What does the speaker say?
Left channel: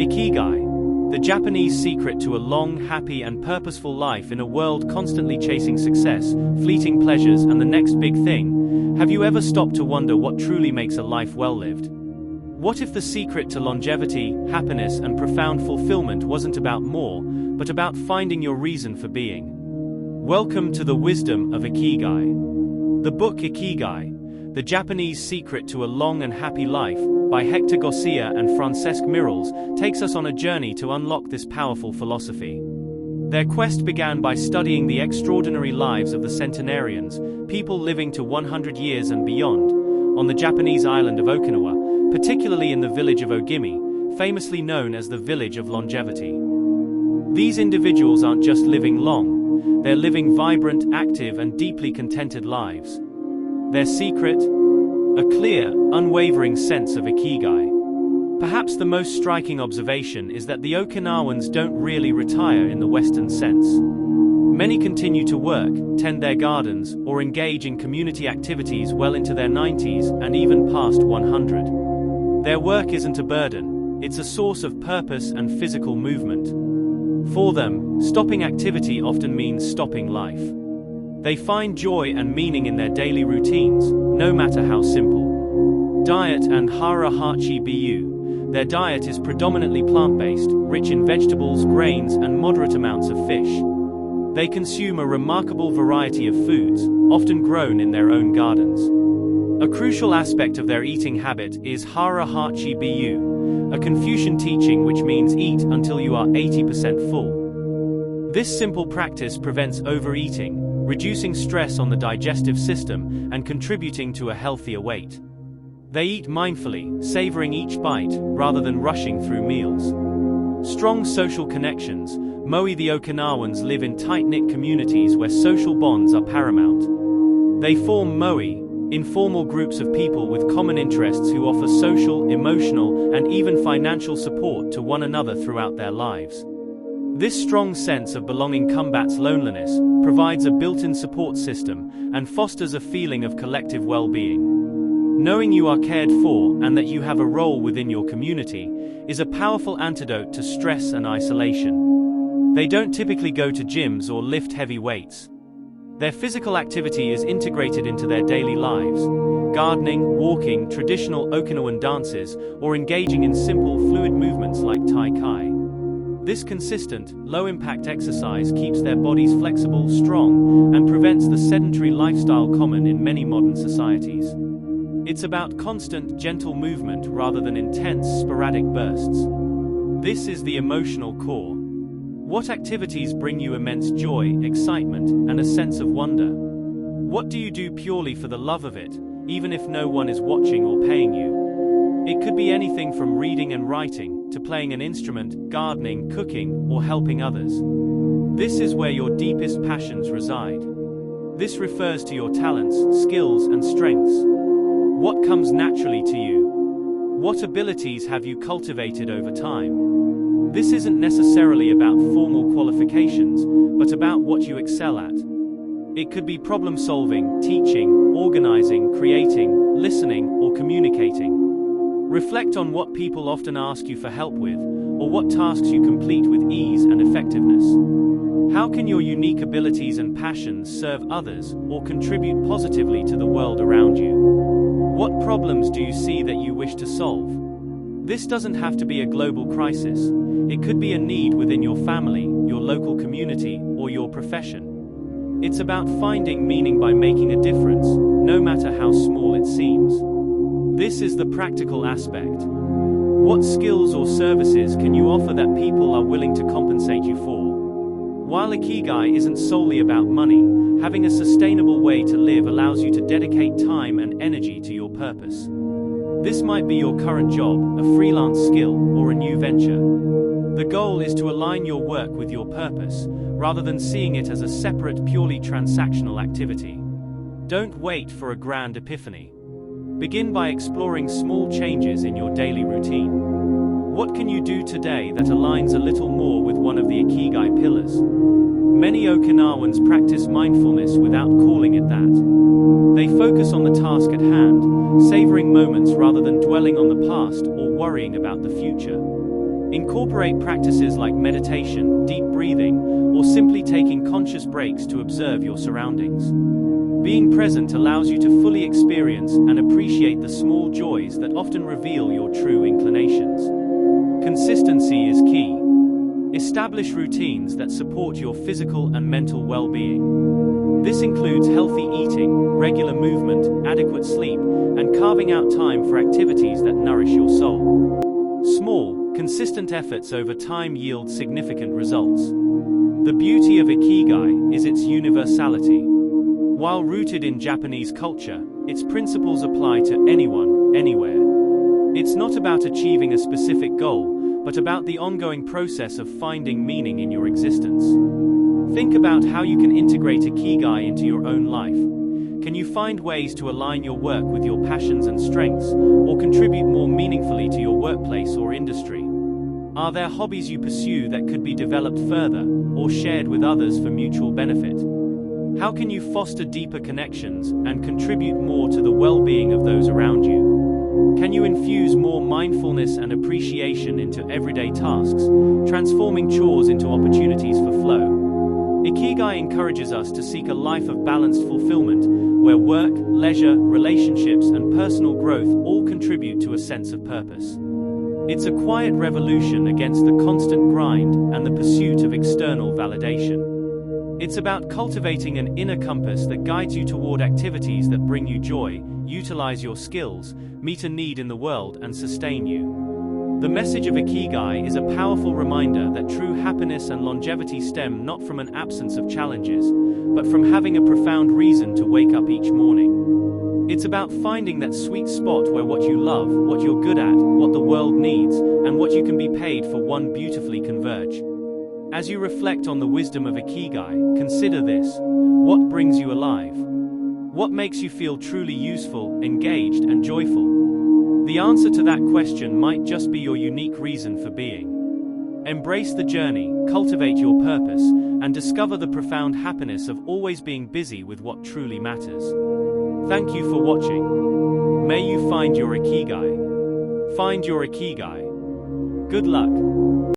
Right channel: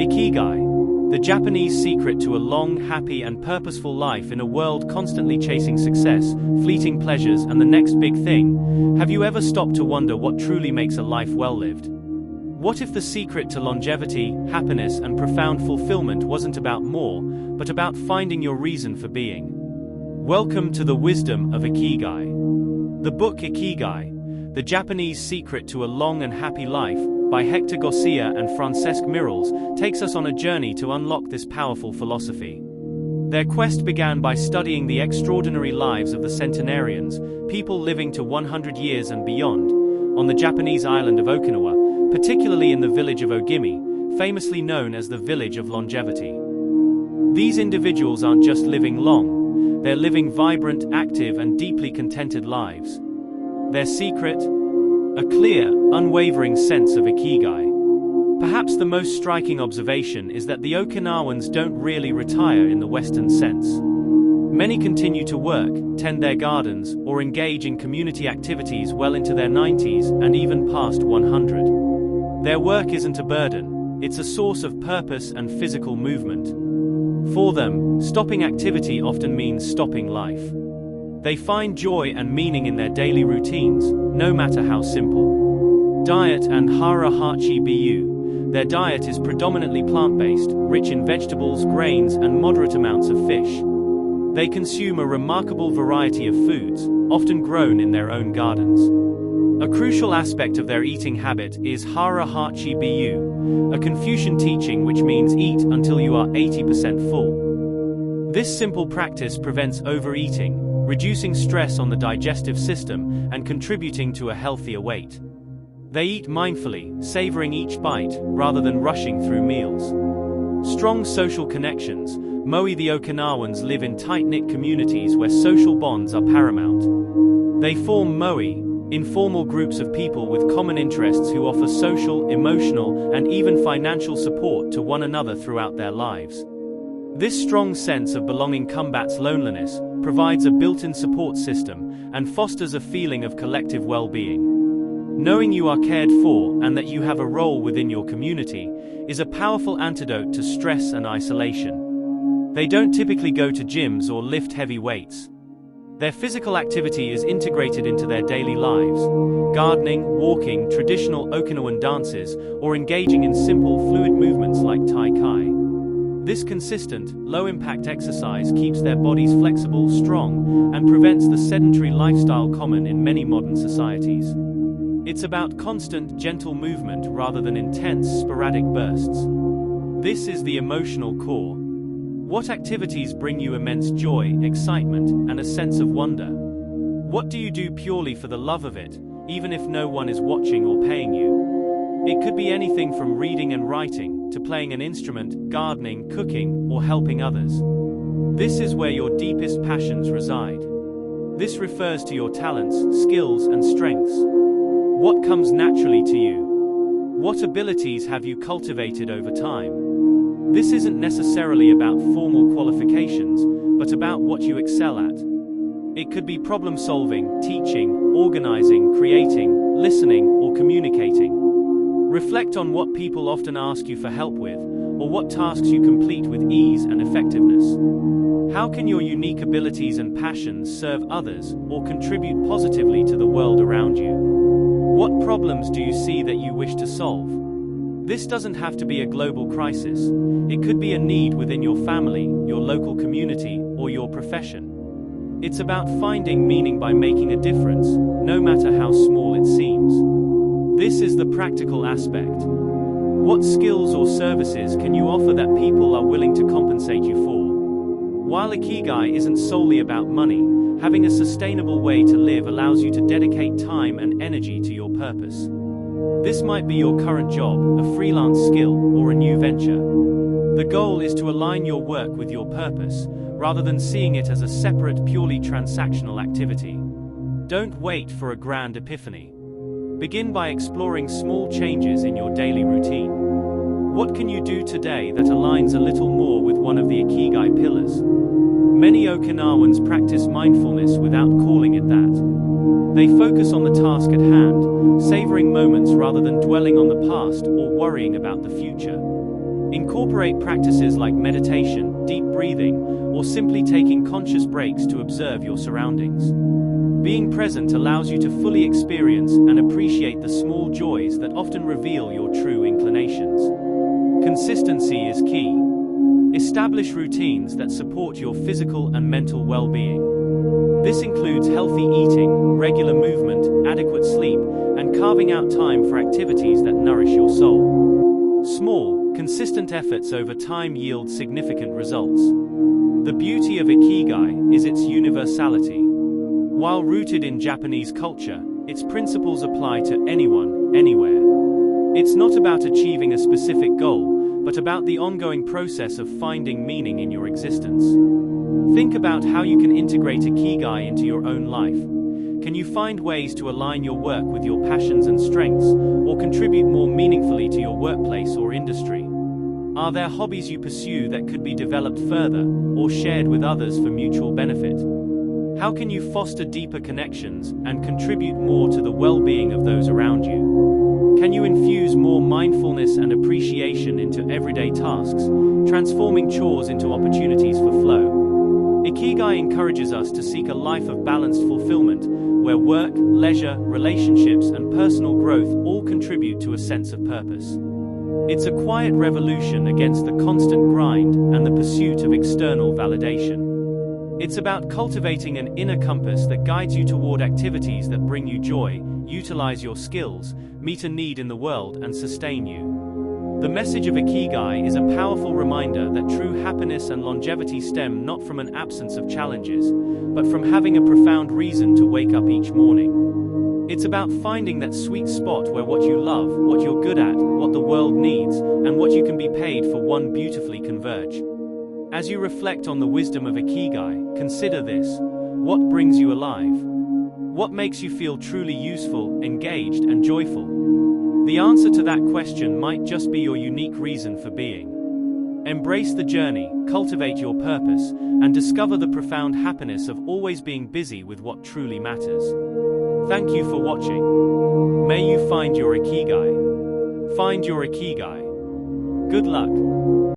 Ikigai, the Japanese secret to a long, happy and purposeful life in a world constantly chasing success, fleeting pleasures and the next big thing. Have you ever stopped to wonder what truly makes a life well lived? What if the secret to longevity, happiness and profound fulfillment wasn't about more, but about finding your reason for being? Welcome to the wisdom of Ikigai. The book Ikigai, the Japanese secret to a long and happy life, by Héctor García and Francesc Miralles, takes us on a journey to unlock this powerful philosophy. Their quest began by studying the extraordinary lives of the Centenarians, people living to 100 years and beyond, on the Japanese island of Okinawa, particularly in the village of Ogimi, famously known as the village of longevity. These individuals aren't just living long, they're living vibrant, active and deeply contented lives. Their secret? A clear, unwavering sense of Ikigai. Perhaps the most striking observation is that the Okinawans don't really retire in the Western sense. Many continue to work, tend their gardens, or engage in community activities well into their 90s and even past 100. Their work isn't a burden, it's a source of purpose and physical movement. For them, stopping activity often means stopping life. They find joy and meaning in their daily routines, no matter how simple. Diet and Hara Hachi Bu. Their diet is predominantly plant-based, rich in vegetables, grains, and moderate amounts of fish. They consume a remarkable variety of foods, often grown in their own gardens. A crucial aspect of their eating habit is Hara Hachi Bu, a Confucian teaching which means eat until you are 80% full. This simple practice prevents overeating, reducing stress on the digestive system and contributing to a healthier weight. They eat mindfully, savoring each bite, rather than rushing through meals. Strong social connections. Moai the Okinawans live in tight-knit communities where social bonds are paramount. They form Moai, informal groups of people with common interests who offer social, emotional, and even financial support to one another throughout their lives. This strong sense of belonging combats loneliness, provides a built-in support system, and fosters a feeling of collective well-being. Knowing you are cared for and that you have a role within your community is a powerful antidote to stress and isolation. They don't typically go to gyms or lift heavy weights. Their physical activity is integrated into their daily lives, gardening, walking, traditional Okinawan dances, or engaging in simple fluid movements like Tai Chi. This consistent, low-impact exercise keeps their bodies flexible, strong, and prevents the sedentary lifestyle common in many modern societies. It's about constant, gentle movement rather than intense, sporadic bursts. This is the emotional core. What activities bring you immense joy, excitement, and a sense of wonder? What do you do purely for the love of it, even if no one is watching or paying you? It could be anything from reading and writing, to playing an instrument, gardening, cooking, or helping others. This is where your deepest passions reside. This refers to your talents, skills, and strengths. What comes naturally to you? What abilities have you cultivated over time? This isn't necessarily about formal qualifications, but about what you excel at. It could be problem-solving, teaching, organizing, creating, listening, or communicating. Reflect on what people often ask you for help with, or what tasks you complete with ease and effectiveness. How can your unique abilities and passions serve others, or contribute positively to the world around you? What problems do you see that you wish to solve? This doesn't have to be a global crisis. It could be a need within your family, your local community, or your profession. It's about finding meaning by making a difference, no matter how small it seems. This is the practical aspect. What skills or services can you offer that people are willing to compensate you for? While Ikigai isn't solely about money, having a sustainable way to live allows you to dedicate time and energy to your purpose. This might be your current job, a freelance skill, or a new venture. The goal is to align your work with your purpose, rather than seeing it as a separate, purely transactional activity. Don't wait for a grand epiphany. Begin by exploring small changes in your daily routine. What can you do today that aligns a little more with one of the Ikigai pillars? Many Okinawans practice mindfulness without calling it that. They focus on the task at hand, savoring moments rather than dwelling on the past or worrying about the future. Incorporate practices like meditation, deep breathing, or simply taking conscious breaks to observe your surroundings. Being present allows you to fully experience and appreciate the small joys that often reveal your true inclinations. Consistency is key. Establish routines that support your physical and mental well-being. This includes healthy eating, regular movement, adequate sleep, and carving out time for activities that nourish your soul. Small, consistent efforts over time yield significant results. The beauty of Ikigai is its universality. While rooted in Japanese culture, its principles apply to anyone, anywhere. It's not about achieving a specific goal, but about the ongoing process of finding meaning in your existence. Think about how you can integrate Ikigai into your own life. Can you find ways to align your work with your passions and strengths, or contribute more meaningfully to your workplace or industry? Are there hobbies you pursue that could be developed further, or shared with others for mutual benefit? How can you foster deeper connections and contribute more to the well-being of those around you? Can you infuse more mindfulness and appreciation into everyday tasks, transforming chores into opportunities for flow? Ikigai encourages us to seek a life of balanced fulfillment, where work, leisure, relationships, and personal growth all contribute to a sense of purpose. It's a quiet revolution against the constant grind and the pursuit of external validation. It's about cultivating an inner compass that guides you toward activities that bring you joy, utilize your skills, meet a need in the world, and sustain you. The message of Ikigai is a powerful reminder that true happiness and longevity stem not from an absence of challenges, but from having a profound reason to wake up each morning. It's about finding that sweet spot where what you love, what you're good at, what the world needs, and what you can be paid for one beautifully converge. As you reflect on the wisdom of Ikigai, consider this: what brings you alive? What makes you feel truly useful, engaged, and joyful? The answer to that question might just be your unique reason for being. Embrace the journey, cultivate your purpose, and discover the profound happiness of always being busy with what truly matters. Thank you for watching. May you find your Ikigai. Find your Ikigai. Good luck.